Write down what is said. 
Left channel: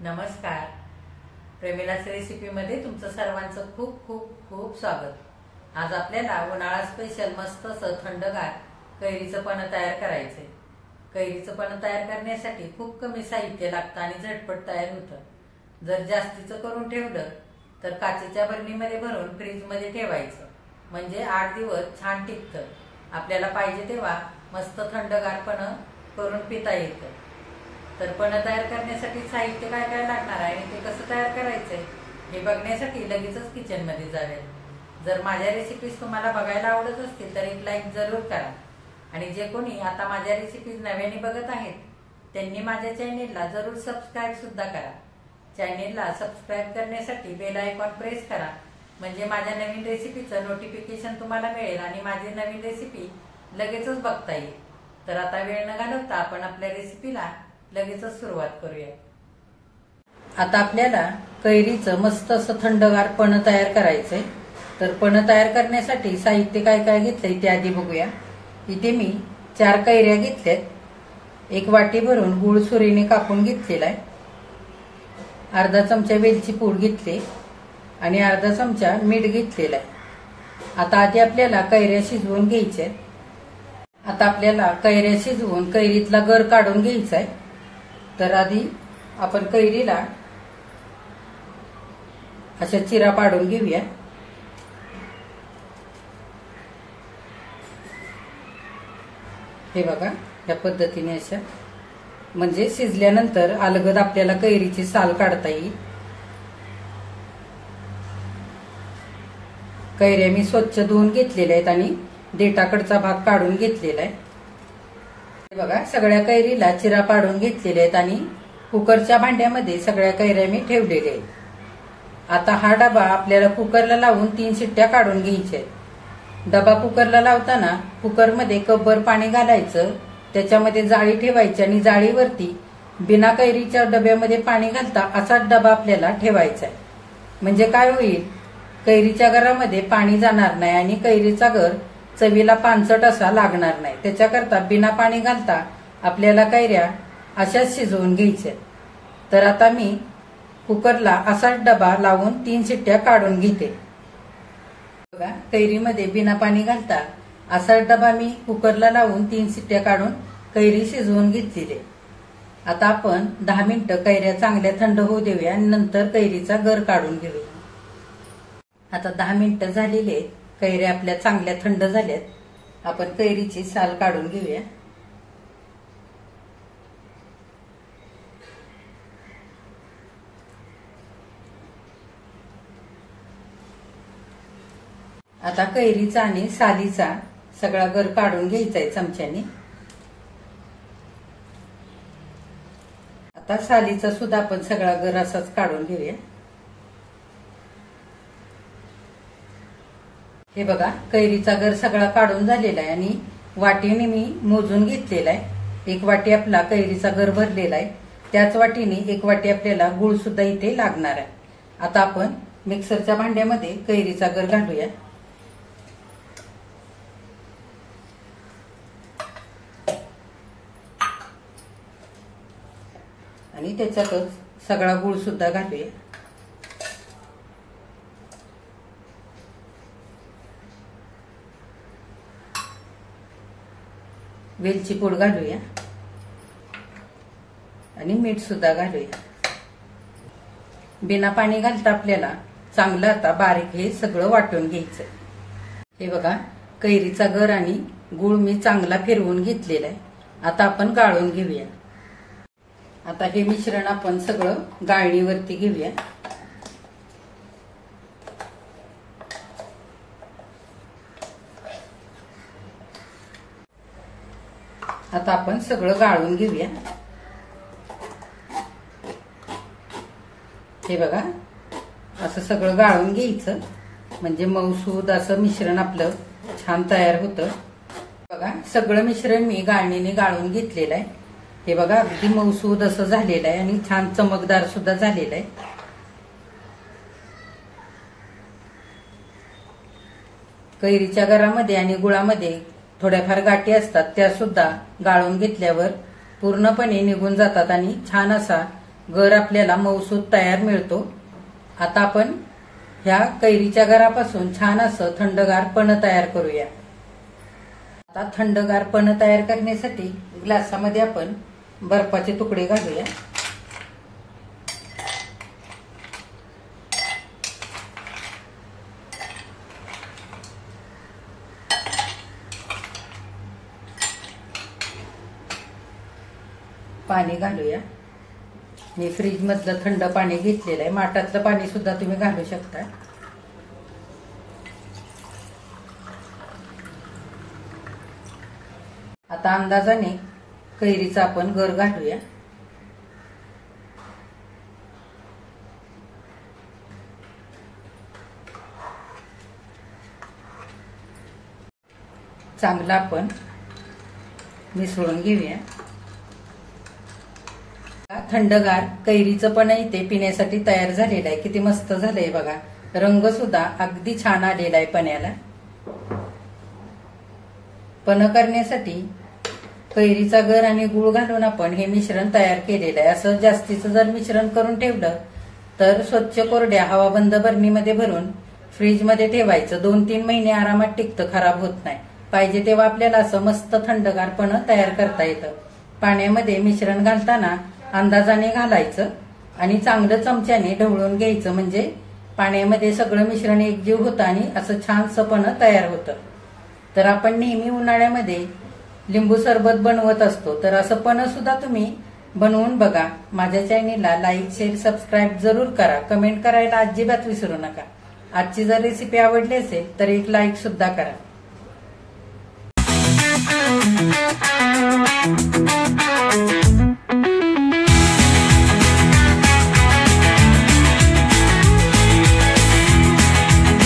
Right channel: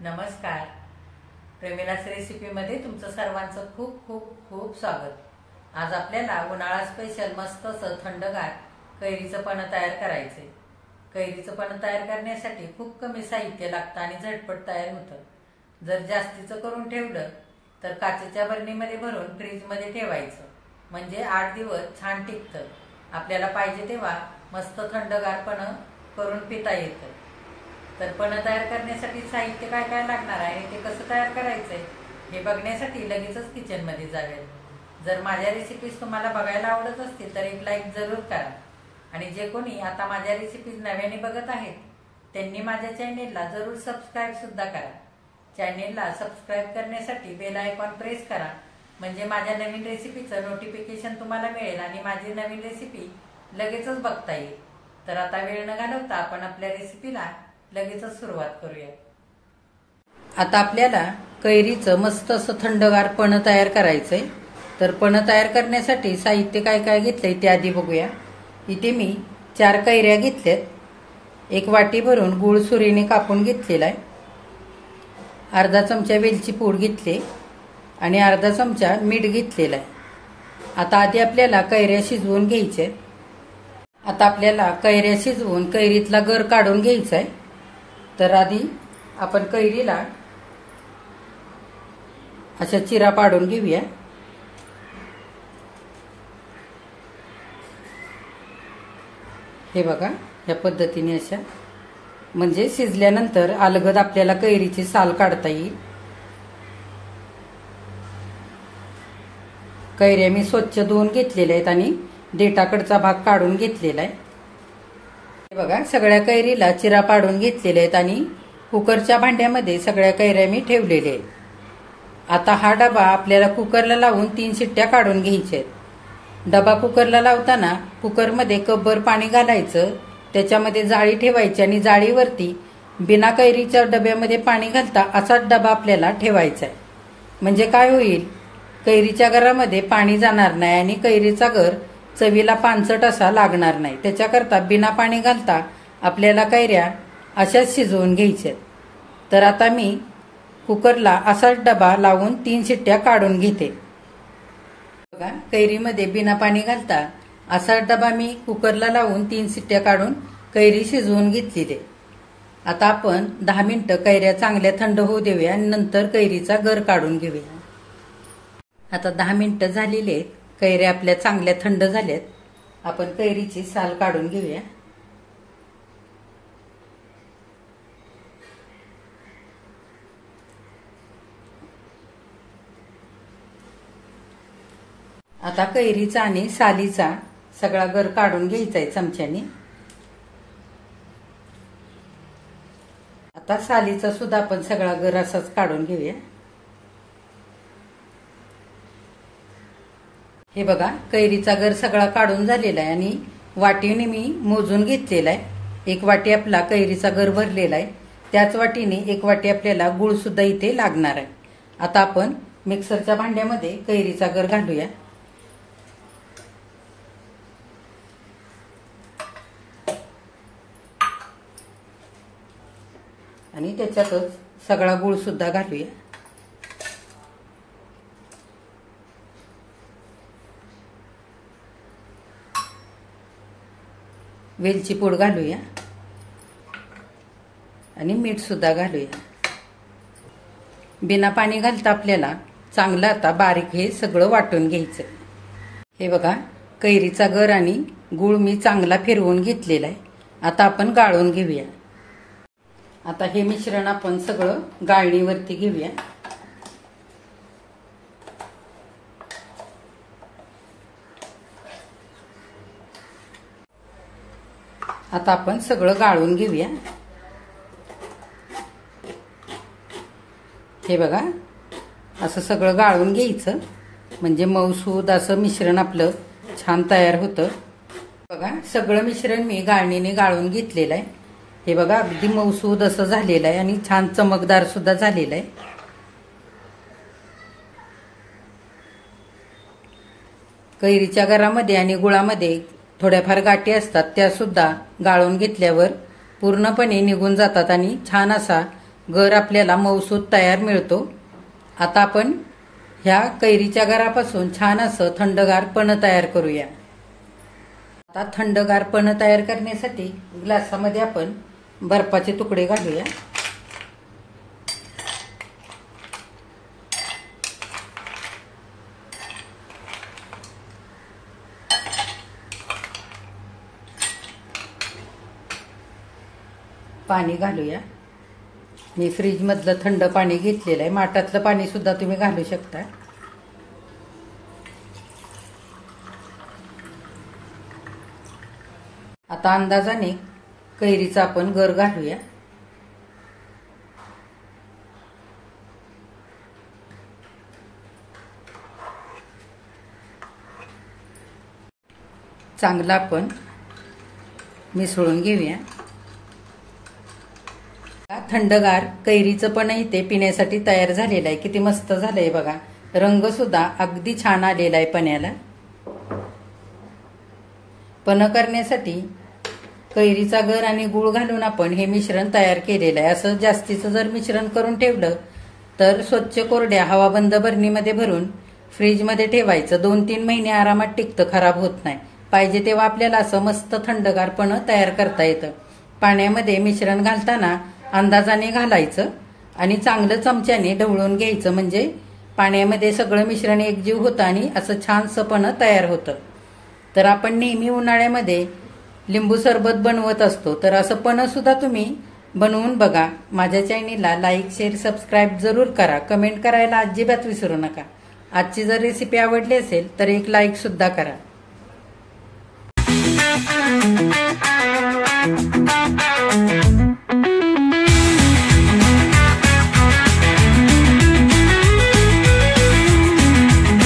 नमस्कार. प्रेमिलास रेसिपीमध्ये तुमचं सर्वांचं खूप खूप खूप स्वागत. आज आपल्याला उन्हाळा स्पेशल मस्त असं थंडगार कैरीचं पण तयार करायचंय. कैरीचं पण तयार करण्यासाठी खूप कमी साहित्य लागतं आणि झटपट तयार होतं. जर जास्तीचं करून ठेवलं तर काचेच्या बरणीमध्ये भरून फ्रीजमध्ये ठेवायचं, म्हणजे 8 दिवस छान टिकतं. आपल्याला पाहिजे तेव्हा मस्त थंडगारपण करून पिता येतं. तर पण तयार करण्यासाठी साहित्य काय काय लागणार आहे आणि ते कसं तयार करायचंय हे बघण्यासाठी लगेचच किचन मध्ये जाऊयात. जर माझ्या रेसिपीज तुम्हाला बघायला आवडत असतील तर एक लाईक जरूर करा. आणि जे कोणी आता माझ्या रेसिपीज नव्याने बघत आहेत त्यांनी माझ्या चॅनेलला जरूर सबस्क्राईब सुद्धा करा. चॅनेलला सबस्क्राईब करण्यासाठी बेल आयकॉन प्रेस करा, म्हणजे माझ्या नवीन रेसिपीचं नोटिफिकेशन तुम्हाला मिळेल आणि माझी नवीन रेसिपी लगेचच बघता येईल. तर आता वेळ न घालवता आपण आपल्या रेसिपीला लगेचच सुरुवात करूया. आता आपल्याला कैरीचं मस्त असं थंडगार पण तयार करायचंय. तर पण तयार करण्यासाठी साहित्य काय काय घेतलंय ते आधी बघूया. इथे मी 4 कैऱ्या घेतल्यात. 1 वाटी भरून गूळ सुरीने कापून घेतलेला आहे. अर्धा चमचा वेलची पूड घेतली आणि अर्धा चमचा मीठ घेतलेला आहे. आता आधी आपल्याला कैऱ्या शिजवून घ्यायच्या. आता आपल्याला कैऱ्या शिजवून कैरीतला गर काढून घ्यायचा आहे. तर आधी आपण कैरीला अशा चिरा पाडून घेऊया. हे बघा, या पद्धतीने अशा, म्हणजे शिजल्यानंतर अलगद आपल्याला कैरीची साल काढता येईल. कैऱ्या मी स्वच्छ धुवून घेतलेल्या आहेत आणि देठाकडचा भाग काढून घेतलेला आहे. बघा, सगळ्या कैरीला चिरा पाडून घेतलेले आहेत आणि कुकरच्या भांड्यामध्ये सगळ्या कैऱ्या मी ठेवलेल्या आहेत. आता हा डबा आपल्याला कुकरला लावून 3 शिट्ट्या काढून घ्यायच्या आहेत. डबा कुकरला लावताना कुकरमध्ये कपभर पाणी घालायचं, त्याच्यामध्ये जाळी ठेवायची आणि जाळीवरती बिना कैरीच्या डब्यामध्ये पाणी घालता असाच डबा आपल्याला ठेवायचा आहे. म्हणजे काय होईल, कैरीच्या गरामध्ये पाणी जाणार नाही आणि कैरीचा गर चवीला पानसट असा लागणार नाही. त्याच्याकरता बिना पाणी घालता आपल्याला कैऱ्या अशाच शिजवून घ्यायच्या. तर आता मी कुकरला असाच डबा लावून 3 शिट्ट्या काढून घेते. बघा, कैरीमध्ये बिना पाणी घालता असाच डबा मी कुकरला लावून 3 शिट्ट्या काढून कैरी शिजवून घेतलेली. आता आपण 10 मिनिटं कैऱ्या चांगल्या थंड होऊ देऊया आणि नंतर कैरीचा गर काढून घेऊया. आता 10 मिनिटं झालेली आहेत. कैऱ्या आपल्या चांगल्या थंड झाल्यात. आपण कैरीची साल काढून घेऊया. आता कैरीचा आणि सालीचा सगळा गर काढून घ्यायचा आहे चमच्याने. आता सालीचा सुद्धा आपण सगळा गर असाच काढून घेऊया. हे बघा, कैरीचा गर सगळा काढून झालेला आहे आणि वाटीने मी मोजून घेतलेला आहे. 1 वाटी आपला कैरीचा गर भरलेला आहे. त्याच वाटीने 1 वाटी आपल्याला गुळ सुद्धा इथे लागणार आहे. आता आपण मिक्सरच्या भांड्यामध्ये कैरीचा गर घालूया. आणि त्याच्यातच सगळा गुळ सुद्धा घालूया. वेलची पूड घालूया आणि मीठ सुद्धा घालूया. बिना पाणी घालता आपल्याला चांगलं आता बारीक हे सगळं वाटून घ्यायचं. हे बघा, कैरीचा गर आणि गुळ मी चांगला फिरवून घेतलेला आहे. आता आपण गाळून घेऊया. आता हे मिश्रण आपण सगळं गाळणीवरती घेऊया. आता आपण सगळं गाळून घेऊया. हे बघा, असं सगळं गाळून घ्यायचं, म्हणजे मऊसूद असं मिश्रण आपलं छान तयार होतं. बघा, सगळं मिश्रण मी गाळणीने गाळून घेतलेलं आहे. हे बघा, अगदी मऊसूद असं झालेलं आहे आणि छान चमकदार सुद्धा झालेलं आहे. कैरीच्या गरामध्ये आणि गुळामध्ये थोड्याफार गाठी असतात, त्या सुद्धा गाळून घेतल्यावर पूर्णपणे निघून जातात आणि छान असा गर आपल्याला मऊसूत तयार मिळतो। आता आपण ह्या कैरीच्या गरापासून छान असं थंडगार पन्ह तयार करूया। आता थंडगार पन्ह तयार करण्यासाठी ग्लासामध्ये आपण बर्फाचे तुकडे घालूया। पाणी घालूया। मी फ्रीज मधलं थंड पाणी घेतलेलं आहे, माठातलं पाणी सुद्धा तुम्ही घालू शकता। आता अंदाजाने कैरीचा आपण गर घालूया। चांगला आपण मिसळून घेऊया। थंडगार कैरीचं पण इथे पिण्यासाठी तयार झालेलं आहे। किती मस्त झालंय बघा, रंग सुद्धा अगदी छान आलेला आहे पण्याला। पन्ह करण्यासाठी कैरीचा गर आणि गुळ घालून आपण हे मिश्रण तयार केलेलं आहे। असं जास्तीचं जर मिश्रण करून ठेवलं तर स्वच्छ कोरड्या हवाबंद बरणीमध्ये भरून फ्रीजमध्ये ठेवायचं। 2-3 महिने आरामात टिकतं, खराब होत नाही। पाहिजे तेव्हा आपल्याला असं मस्त थंडगार पन्ह तयार करता येतं। पाण्यामध्ये मिश्रण घालताना अंदाजाने घालायचं आणि चांगलं चमच्याने ढवळून घ्यायचं, म्हणजे पाण्यामध्ये सगळं मिश्रण एकजीव होतं आणि असं छानसं पन्ह तयार होतं। तर आपण नेहमी उन्हाळ्यामध्ये लिंबू सरबत बनवत असतो, तर असं पन्ह सुद्धा तुम्ही बनवून बघा। माझ्या चॅनेलला लाईक, शेअर, सबस्क्राईब जरूर करा। कमेंट करायला अजिबात विसरू नका। आजची जर रेसिपी आवडली असेल तर एक लाईक सुद्धा करा।